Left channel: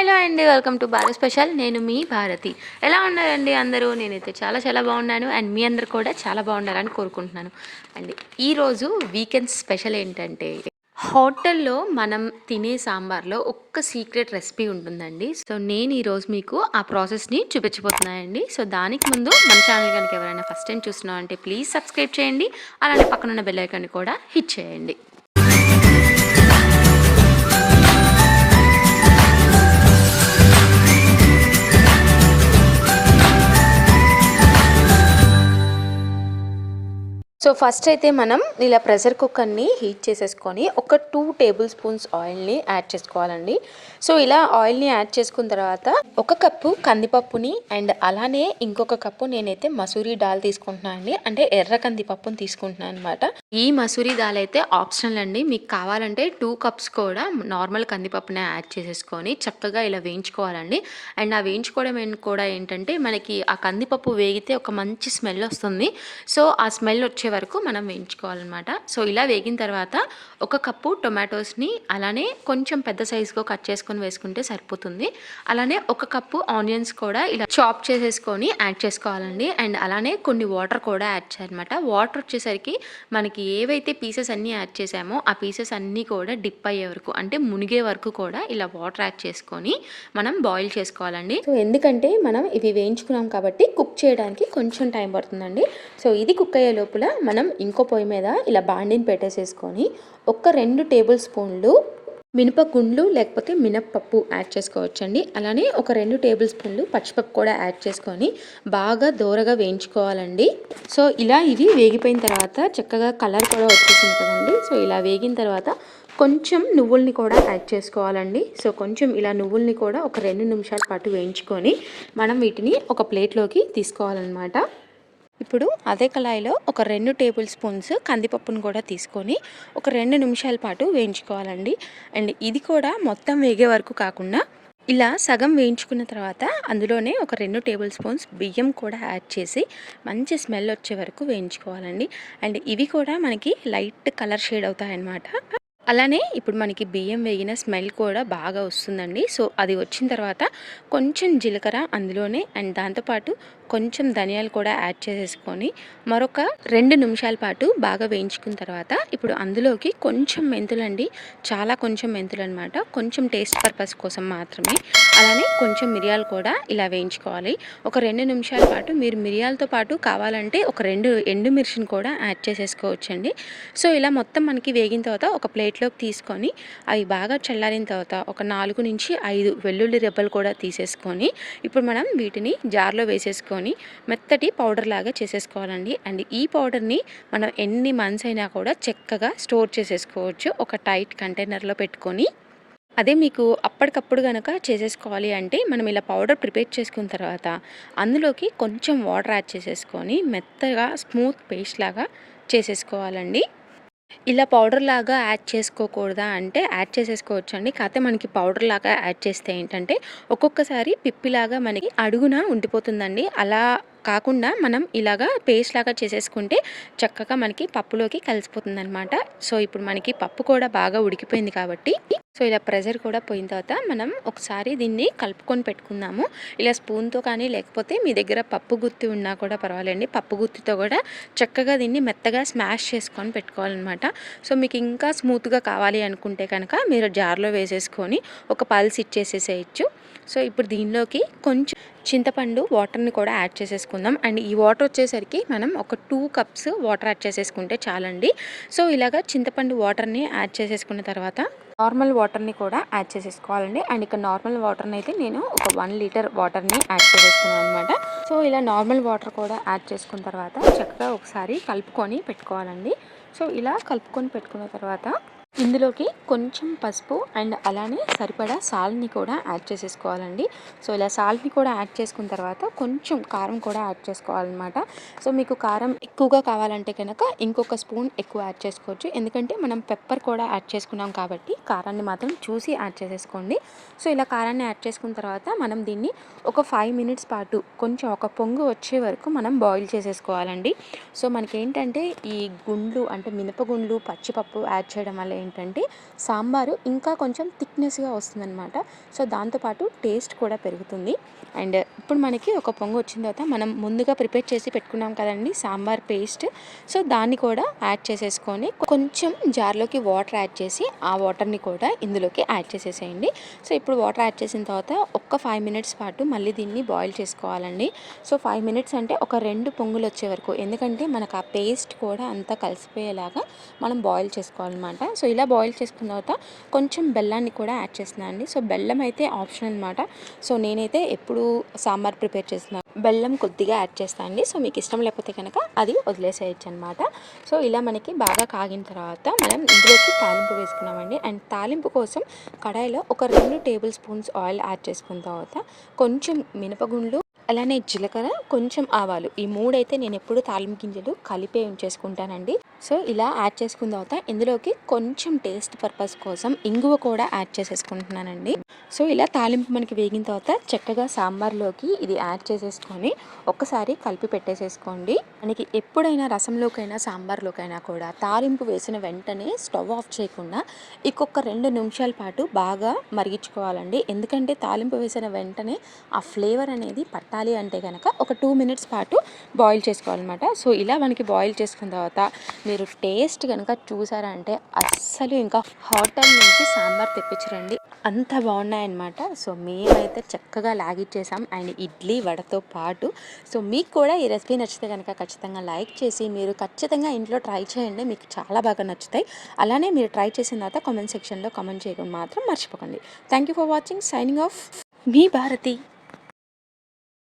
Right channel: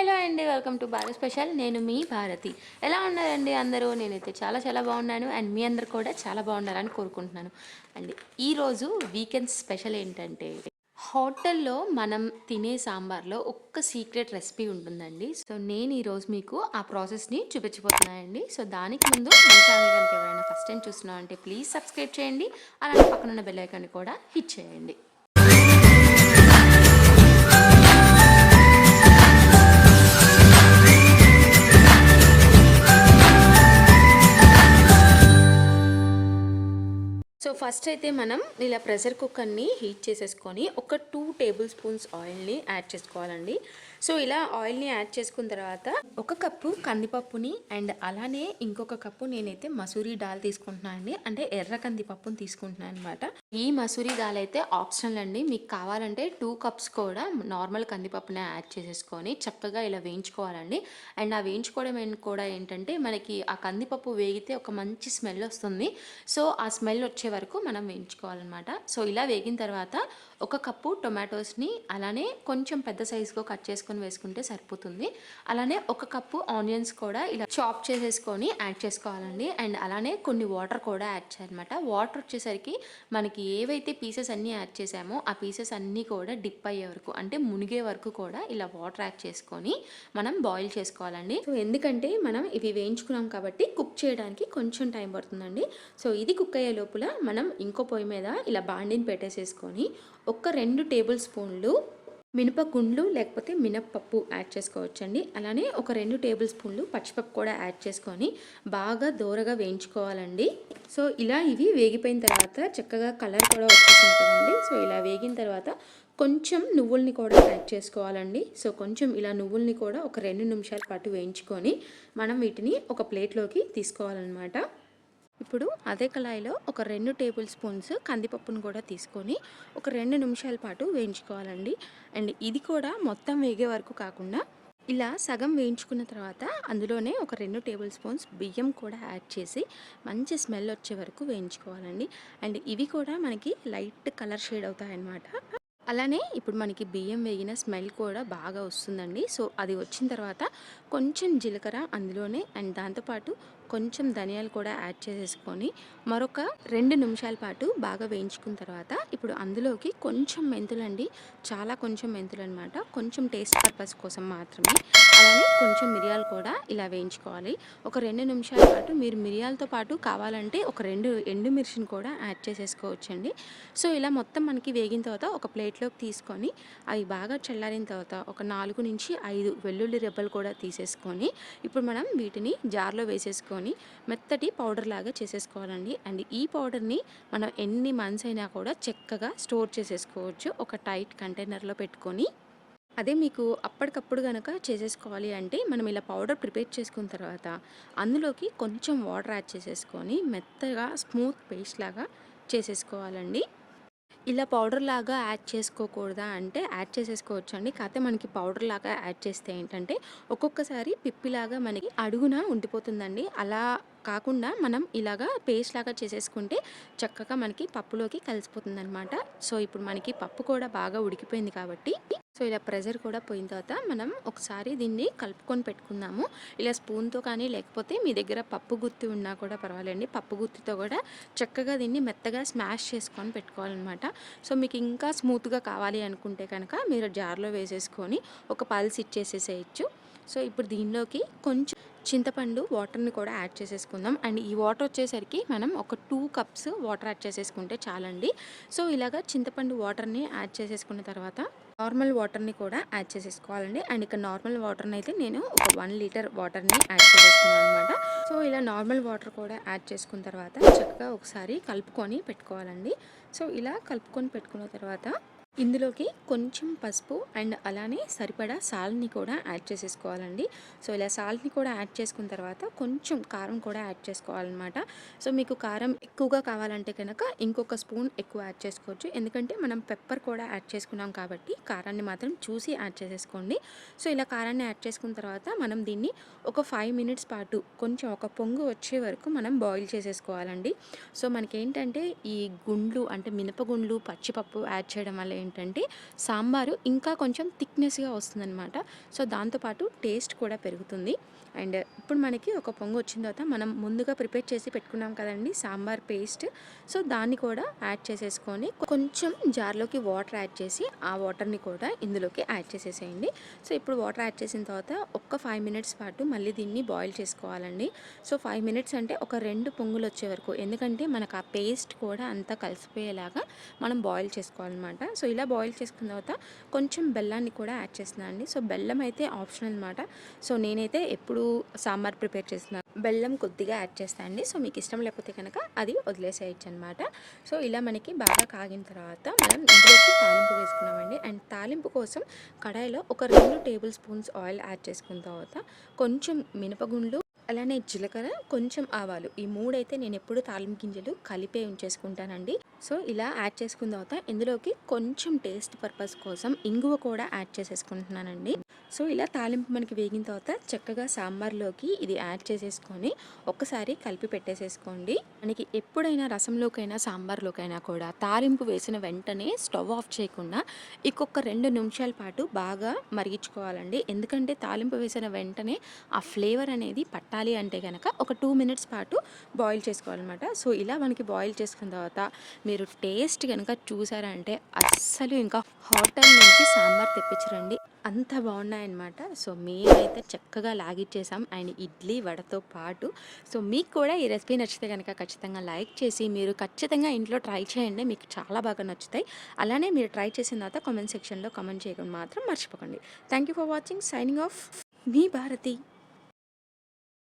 Hello అండి welcome to Bharat special. నేను మీ భారతి. ఎలా ఉన్నారండి అందరూ? నేనైతే చాలా చాలా బాగున్నాను. అండ్ మీ అందరు కూడా చాలా బాగున్నారని కోరుకుంటున్నాను. అండ్ ఈరోజు వీకెండ్ స్పెషల్ ఏంటంటే హోటల్లో మనం తినే సాంబార్లో ఒక్క సీక్రెట్ రెసిపీ ఉంటుందండి. సో నేను ఈరోజు మీకు ఆ ప్రాసెస్ని చూపించబోతున్నానండి. సో దానికి ముందు మన ఛానల్ కనుక ఎవరైనా ఫస్ట్ టైం చూస్తున్నాం అంటే ప్లీజ్ సబ్స్క్రైబ్ చేయండి. అలానే పక్కన ఉన్న బెల్ కూడా హిట్ చేయండి. సో ఫస్ట్ అయితే మనం ఇలా ప్రెషర్ కుక్కర్ని హీట్ చేసేసుకొని ఒక టూ టేబుల్ స్పూన్స్ ఆయిల్ని యాడ్ చేసుకోవాలండి. సో ఇలా ఆయిల్ని యాడ్ చేసుకున్న తర్వాత ఒక కప్పు కందిపప్పుని అండ్ అలానే ఇంకొక కప్పు నేనైతే మసూరి దాల్ తీసుకుంటున్నాను అండి అంటే ఎర్ర కందిపప్పుని తీసుకుంటున్నాను అనమాట ఈ మసూరి దాల్ అయితే ఆప్షనల్ అండి. మీకు కావాలంటే టూ కప్స్ కూడా నార్మల్ కందిపప్పునే యాడ్ చేసేసుకొని చక్కగా ఇలా వేయించుకోవాలండి. అండ్ ఆ వేయించుకోవడం కూడా ఏంటంటే మనకి ఆ కందిపప్పు వేగితే ఒక మంచి స్మెల్ వస్తుంది. సో ఆ స్మెల్ వచ్చే వరకు మనం వేయించుకోవాలన్నమాట. సో ఇలా వేగిన తర్వాత ఒక కప్పు టొమాటోస్ని అలానే కొంచెం పెద్ద సైజుగా కట్ చేసుకొని వేసుకుంటే సరిపోతుంది. అలానే ఒక కప్పు ఆనియన్స్ కూడా ఇలా చాప్ చేసేసుకొని యాడ్ చేసుకోవాలండి. అండ్ అలానే కొన్ని వాటర్ కూడా యాడ్ చేయాలన్నమాట. వాటర్ వచ్చేసరికి మనకి ఏవైతే పీసెస్ అన్నీ యాడ్ చేసామో ఆ పీసెస్ అన్నీ కూడా డిప్ అయ్యే వరకు అంటే మునిగే వరకు కూడా ఇలా వాటర్ యాడ్ చేసుకొని మనం బాయిల్ చేసుకోవాలండి. సో ఎందుకంటే మనం ఇవి వేయించుకున్నాం కాబట్టి కుక్ చేయడానికి కొంచెం టైం పడుతుందండి. సో ఇది కుక్ అయ్యే లోపల మనం ఇంకో పొయ్యి మీద ఇలా బాండిని పెట్టేసేసుకొని ఒక రెండు టేబుల్ స్పూన్లు మినపగుండ్లు లేకపోతే మినప్పప్పు యాడ్ చేసుకోవచ్చండి. అలానే ఒక రెండు టేబుల్ స్పూన్లు పచ్చిపప్పు కూడా యాడ్ చేసుకొని బాగా దూరగా వేయించుకోవాలండి. సో ఇలా ఇవి వేగిపోయిన తర్వాత చక్కగా కలర్ కూడా వచ్చేసింది కదండి. సో ఇలా వేగిన తర్వాత కొంచెం నువ్వుల్ని కూడా యాడ్ చేసుకోవాలండి. సో కొంచెం ఇలా నువ్వుల్ని కూడా ఒక రెండు నిమిషాల పాటు వేయించుకొని మనం వీటిని ఒక ప్లేట్లోకి తీసుకోవాలన్నమాట. ఇప్పుడు అదే కళాయిలో ఒక రెండు టేబుల్ స్పూన్స్ కందిపప్పును కూడా తీసుకొని ఒక రెండు నిమిషాల పాటు వేయించుకోవాలండి. అండ్ ఇది కూడా మొత్తం వేగే వరకు కాకుండా ఇలా సగం వేయించుకున్న తర్వాత అందులోనే ఒక రెండు టేబుల్ స్పూన్స్ బియ్యం కూడా యాడ్ చేసి మంచి స్మెల్ వచ్చే వరకు వేయించుకోవాలండి. అండ్ ఇవి కూడా మనకి లైట్ కలర్ షేడ్ అవుతాయన్నమాట. అలానే ఇప్పుడు మనకి బియ్యం వేగిన స్మెల్ కూడా బాగా వస్తుందండి. సో అది వచ్చిన తర్వాత కొంచెం జీలకర్ర అందులోనే అండ్ దాంతోపాటు కొంచెం ధనియాలు కూడా యాడ్ చేసేసుకొని మరొక రెండు నిమిషాల పాటు బాగా వేయించుకున్న తర్వాత ఇప్పుడు అందులోకి కొంచెం మెంతులండి. చాలా కొంచెం మెంతులు అనమాట కొంచెం టేస్ట్ పర్పస్ కోసం మాత్రమే అలానే కొంచెం మిరియాలు కూడా ఇలా వేయించుకోవాలి. ఒక రెండు నిమిషాల పాటు మీరు మిరియాలతో పాటు కావాలంటే ఒక రెండు ఎండుమిర్చిని కూడా యాడ్ చేసేసుకోవచ్చండి. సో ఇలా మొత్తం మనకి వేగిన తర్వాత ఒక ప్లేట్లోకి తీసుకొని అవి బాగా చల్లారిన తర్వాత ఒక నాలుగు నుంచి ఐదు వెల్లుల్లి రెబ్బలు కూడా తీసేసుకొని ఇప్పుడు మనం వీటిని జార్లో వేసేసుకొని మెత్తటి పౌడర్ లాగా చేసేసుకోవాలండి. అండ్ ఈ పౌడర్ని మనం ఎన్ని మంత్స్ అయినా కూడా చక్కగా స్టోర్ చేసేసుకోవచ్చు. ఒక టైట్ కంటైనర్లో పెట్టుకొని అదే మీకు అప్పటికప్పుడు కనుక చేసేసుకోవాలి అంటే మనం ఇలా పౌడర్ ప్రిపేర్ చేసుకున్న తర్వాత అందులోకి కొంచెం వాటర్ యాడ్ చేసేసుకొని మెత్తగా స్మూత్ పేస్ట్ లాగా చేసేసుకోవాలండి. ఇలా పౌడర్ లాగా యాడ్ చేసుకోకూడదా అంటే యాడ్ చేసేసుకోవచ్చు అండి కాకపోతే మనకి పౌడర్ లాగా యాడ్ చేస్తే ఏంటంటే ఒక్కొక్కసారి పిప్పిలాగా మనకి అడుగున ఉండిపోతుందండి. అలా కాకుండా మనం ఇలాగా పేస్ట్ లాగా చేసేసుకుంటే చక్కగా మనకి పప్పులోకి కలిసిపోతుంది అనమాట సో ఇప్పుడు మనకి పప్పు కూడా బాగా ఉడికిపోయింది కాబట్టి సో ఇలా ప్రెషర్ కూడా పోయిన తర్వాత మనం ఒకసారి దీన్ని కలుపుకొని పెట్టుకుందాము. ఇలా స్పూన్తో కానీ లేకపోతే మీ దగ్గర పప్పు గుత్తి ఉన్నా కూడా పర్వాలేండి. పప్పు గుత్తితో కూడా చక్కగా దీన్ని మెత్తగా స్మాష్ చేసుకొని పెట్టుకోవాలన్నమాట. సో మీకు ఇంకా స్మూత్గా కావాలి అనుకుంటే కనుక మీరు జార్లో వేసేసుకొని ఒక పల్స్ ఇచ్చేసేసేయచ్చు. సో ఇప్పుడు దీనిలోకి కొంచెం చింతపండు వాటర్ని కూడా యాడ్ చేసేసుకుందాం. అండ్ ఈ వాటర్ వచ్చేసరికి మనం ఒక టూ కప్స్ వాటర్ యాడ్ చేసేసుకుంటే చాలండి. సో ఇలాగా చింతపండు వాటర్ని యాడ్ చేసేసుకున్న తర్వాత నార్మల్ వాటర్ని కూడా యాడ్ చేసేసుకోవాలండి. అండ్ ఇక్కడ నార్మల్ వాటర్ని అయితే నేను ఒక వన్ లీటర్ వాటర్ని యాడ్ చేసేసుకున్నాను అనమాట సో ఇలా నార్మల్ వాటర్ కూడా యాడ్ చేసుకున్న తర్వాత చక్కగా ఒకసారి కలుపుకొని పెట్టుకోవాలండి. సో ఇలా కలుపుకొని పెట్టుకున్న తర్వాత ఇందులోకి కొంచెం పసుపు అండ్ అలానే సరిపడా సాల్ట్ని కూడా యాడ్ చేసేసుకోవాలండి. సో ఇలా సాల్ట్ని కూడా యాడ్ చేసుకున్న తర్వాత కొంచెం కారం కూడా యాడ్ చేసుకోవాలన్నమాట. సో మీకు కారం ఎక్కువగా కావాలంటే కనుక ఇంకొక స్పూన్ ఎక్కువ యాడ్ చేసుకోవచ్చు. ఎందుకంటే మనం పెప్పర్ కూడా యాడ్ చేసుకున్నాం కాబట్టి కారాన్ని మాత్రం చూసి యాడ్ చేసేసుకోండి. సో ఇలా కారాన్ని యాడ్ చేసుకున్న తర్వాత మనం దీన్ని ఒక ఫైవ్ మినిట్స్ పాటు కొంచెం ఒక పొంగు వచ్చే వరకు మనం బాయిల్ చేసేసుకోవాలండి. సో మనకేంటంటే ఈ గుండ్లు అంటే మినపగుండ్లు పచ్చిపప్పు యాడ్ చేయడం వల్ల ఏంటంటే సాంబారు ఇంకా కొంచెం థిక్నెస్గా వస్తుందన్నమాట. సో దాంతోపాటు టేస్ట్ కూడా పెరుగుతుంది. అండ్ ఇప్పుడు మనకి ఒక పొంగు వచ్చిన తర్వాత మనం ముందుగా ప్రిపేర్ చేసి పెట్టుకున్నాం కదండి సాంబార్ పేస్ట్. సో దాన్ని కూడా యాడ్ చేసేసుకొని కొంచెం జార్లోకి వాటర్ యాడ్ చేసి ఆ వాటర్ని కూడా ఇందులోకి యాడ్ చేసేసేయండి. సో ఇప్పుడు వాటర్ యాడ్ చేసిన తర్వాత ఒక్క ఫైవ్ మినిట్స్ పాటు మళ్ళీ దీన్ని బాయిల్ చేసుకోవాలండి. సో ఫైవ్ మినిట్స్ అంటే ఒక రెండు పొంగులు వచ్చే వరకు. ఎందుకంటే మనకు ఆ పేస్ట్ కూడా అంతా కలిసిపోయేలాగా మనం బాయిల్ చేసుకోవాలన్నమాట. సో ఇలా బాయిల్ చేసుకున్న తర్వాత కొంచెం బెల్లాన్ని కూడా యాడ్ చేస్తున్నాను అండి. సో బెల్లం అయితే ఆప్షన్ అనమాట సో నేనైతే ఎప్పుడు సాంబార్ ప్రిపేర్ చేస్తున్నాను బెల్లం కొద్దిగా యాడ్ చేస్తాను అండి. సో మీకు ఇష్టం లేకపోతే కనుక అది వదిలేసేయచ్చు అనమాట సో ఇలా మనకి బాగా కాగిన తర్వాత మనం ఇందులోకి తాలింపు వేసుకున్నామండి. అండ్ తాలింపు కోసం కడాయిలో ఒక రెండు టేబుల్ స్పూన్స్ ఆయిల్ యాడ్ చేసుకున్న తర్వాత కొంచెం మినపగుండ్లు అలానే జీలకర్ర కొంచెం ఆవాలు. ఈ మూడైతే నేను ఎప్పుడు తాలింపు గింజలు కలిపే ఉంచేసుకుంటానండి. సో ఇలా యాడ్ చేసుకున్న తర్వాత ఇందులోకి కొంచెం టేస్ట్ పర్పస్ కోసం ఇంగువ కూడా యాడ్ చేసేసుకుంటున్నానండి. సో ఇలా తాలింపు మనకి వేగిన తర్వాత చక్కగా సాంబార్లోకి ఇది యాడ్ చేసేసుకొని ఒక్కసారి కలిపి పెట్టేసేసుకోండి. మనకి ఎప్పుడైనా రసంలోకైనా సాంబార్లోకైనా కూడా తాలింపు వేసిన వెంటనే స్టవ్ ఆఫ్ చేయకుండా ఇంకొక రెండు నిమిషాల పాటు బాగా మరిగించుకోవాలండి. ఎందుకంటే తాలింపు వేసిన వెంటనే ఆ ఫ్లేవర్ అనేది పట్టాలి అంటే కనుక ఒక టూ మినిట్స్ పాటు బాయిల్ చేసుకోవాలన్నమాట. సో ఇలా మనకి బాయిల్ చేసుకున్న తర్వాత మీరు టేస్ట్ కనుక చూసారంటే అస్సలు ఇంకా హోటల్ నుంచి సాంబార్ తెప్పించరండి. అంత బాగున్నాయన్నమాట. సో మేమైతే చక్కగా లాగిచ్చేసాం. అండ్ ఇడ్లీ వడతో పాటు. సో మీకు కూడా ఈ రెసిపీ నచ్చితే కనుక ఖచ్చితంగా లైక్ చేసి మీరు ఖచ్చితంగా ఇంట్లో ట్రై చేయండి. మీకు చాలా బాగా నచ్చుతాయి. అలానే మీరు ట్రై చేసిన తర్వాత కామెంట్ సెక్షన్లో కామెంట్ చేయడం మాత్రం మర్చిపోకండి. Thank you for watching. Signing off. Me Bharati.